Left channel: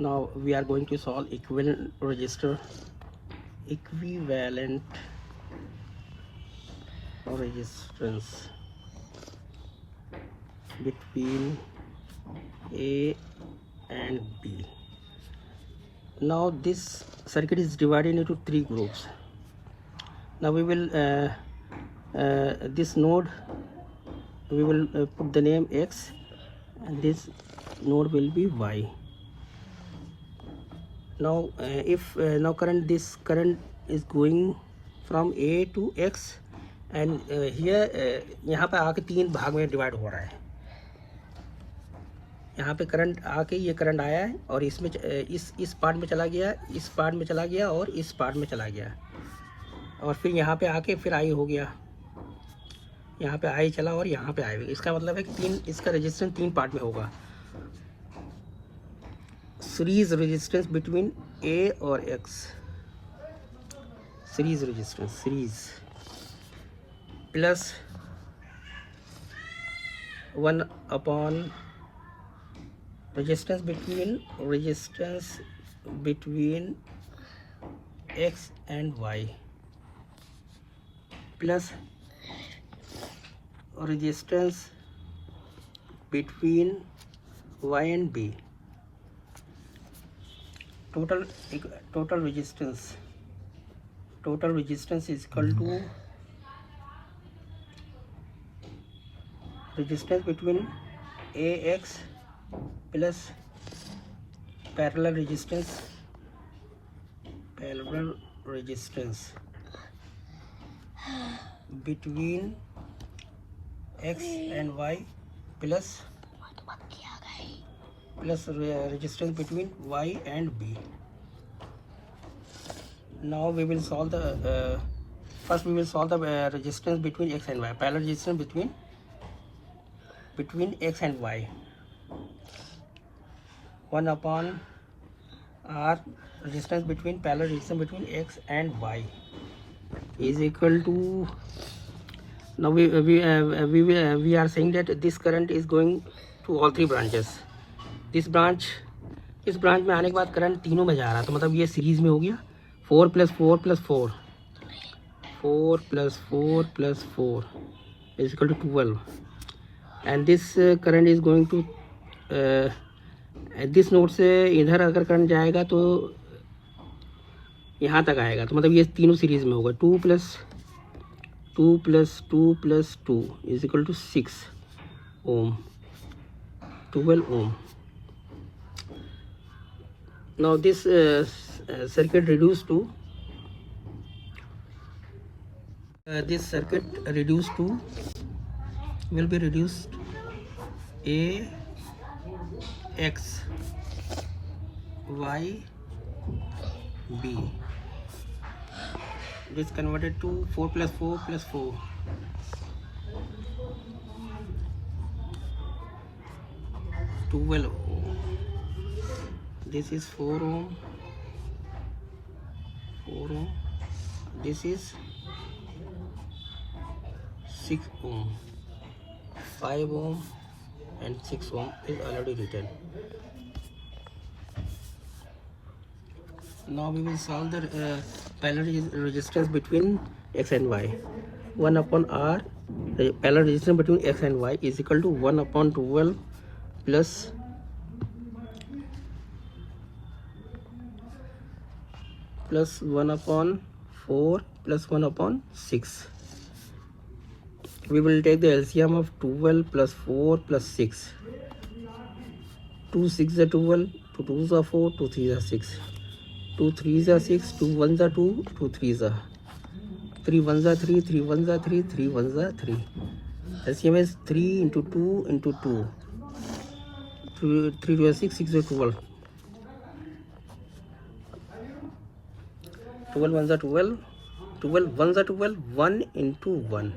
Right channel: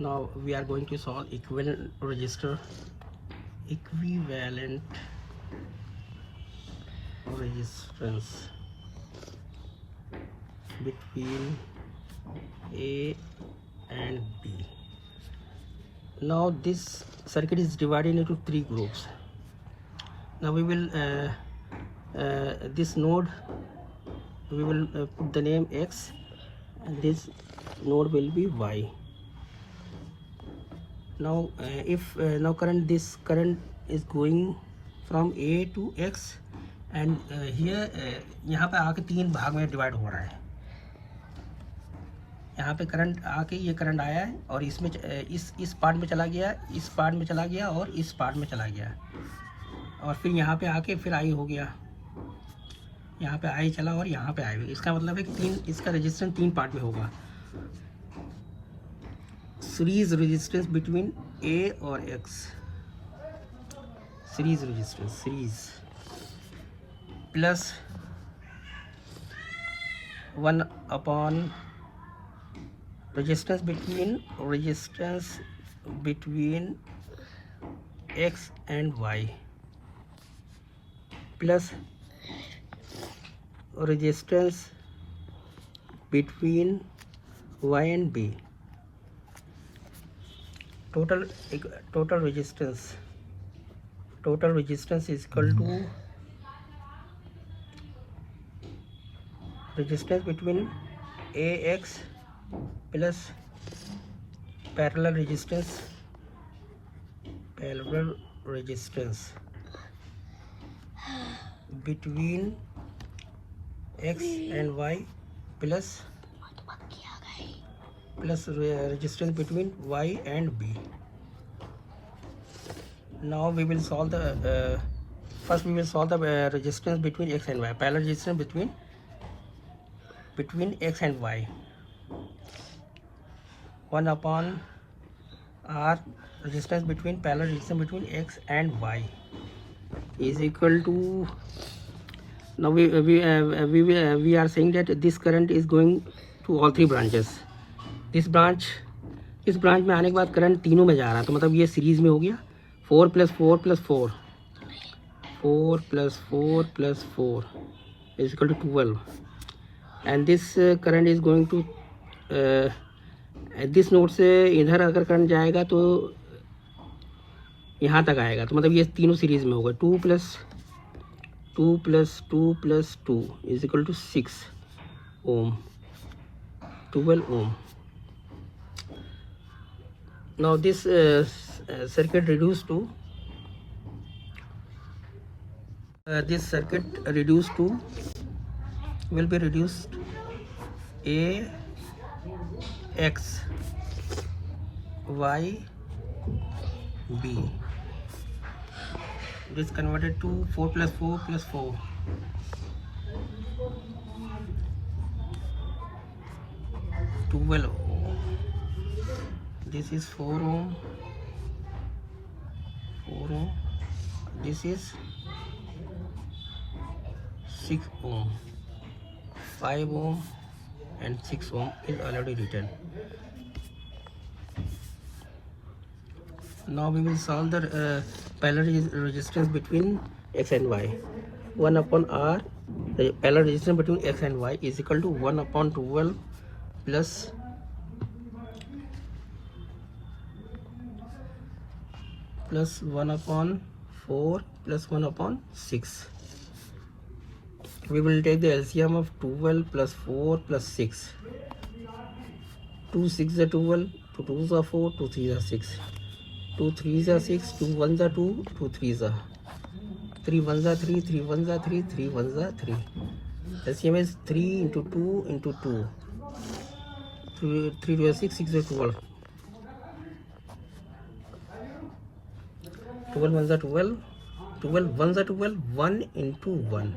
Now we are going to solve equivalent resistance between A and B. Now this circuit is divided into three groups. Now we will this node we will put the name X, and this node will be Y. Now if now this current is going from A to X, and here यहाँ पे आके तीन भाग में divide हो रहा है. यहाँ पे करंट आके ये करंट आया है और इसमें इस पार्ट में चला गया, इस पार्ट में चला गया और इस पार्ट में चला गया, और फिर यहाँ पे आके फिर आई हो गया, यहाँ पे आई चला और यहाँ पे आई. इसका मतलब है कि इसका रेजिस्टेंस तीन पार्ट में होगा. सीरीज रेजिस्टेंस बिटवीन ए और x, series resistance, series plus 1/, resistance between X and Y, plus resistance between Y and B. Total resistance is equal to resistance between AX plus parallel resistance between X and Y plus resistance between Y and B. Now we will solve the first we will solve the resistance between X and Y, parallel resistance between X and Y. 1/R resistance between parallel resistance between X and Y is equal to, now we are saying that this current is going to all three branches. इस branch में आने के बाद current तीनों में जा रहा है, तो मतलब ये सीरीज में हो गया. 4 + 4 + 4 is equal to 12, and this current is going to this node से इधर अगर करंट जाएगा तो यहाँ तक आएगा, तो मतलब ये तीनों सीरीज में होगा. 2 + 2 + 2 + 2 is equal to 6 ohm, 12 ohm. Now this circuit reduced to will be reduced A X Y B. This converted to 4 + 4 + 4. 12 ohm. This is 4 ohm. This is 6 ohm. 5 ohm and 6 ohm is already written. Now we will solve the parallel resistance between X and Y. 1/R, the parallel resistance between X and Y is equal to 1/12 plus 1/4 plus 1/6. We will take the LCM of 12 plus 4 plus 6. 2 6 are 12, 2 2s are 4, 2 3s are 6, 2 3s are 6, 2 1s are 2, 2 3s are 3 1s are 3, 3 1s are 3, 3 1s are 3. LCM is 3 into 2 into 2. 3 2 are 6, 6 are 12. 12 1s are 12, 12 1s are 12, 1 into 1.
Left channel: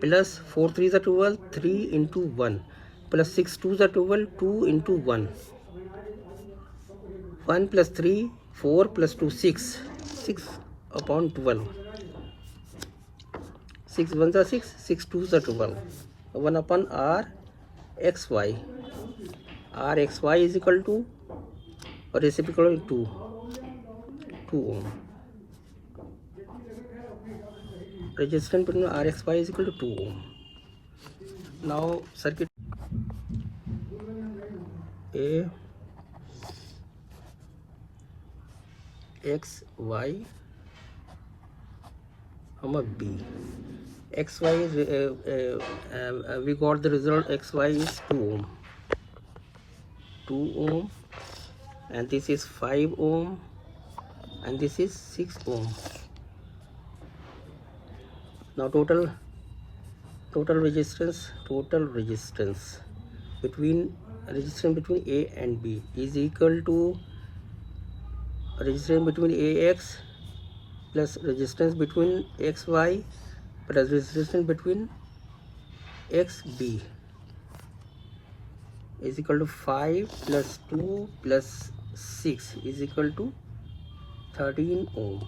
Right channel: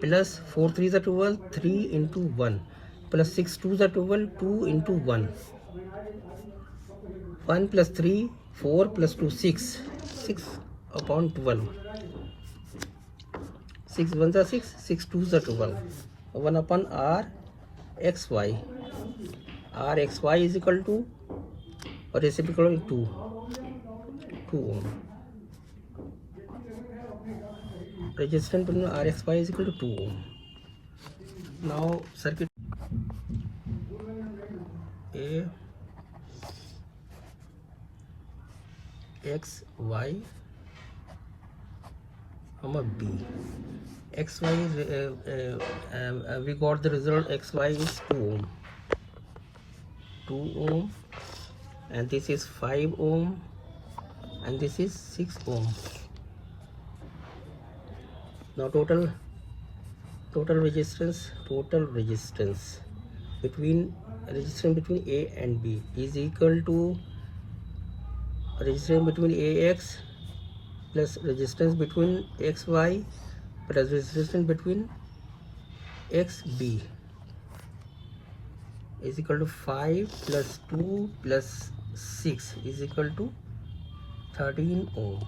Plus 4 3s are 12, 3 into 1. Plus 6 2s are 12, 2 into 1. 1 plus 3, 4 plus 2, 6. 6/12. 6 1s are 6, 6 2s are 12. 1/R XY. R XY is equal to reciprocal 2 ohm. Resistance between RXY is equal to 2 ohm. Now circuit A X Y B. XY is we got the result. XY is 2 ohm, and this is 5 ohm, and this is 6 ohm. Now total resistance between A and B is equal to resistance between AX plus resistance between XY plus resistance between XB is equal to 5 plus 2 plus 6 is equal to 13 ohm.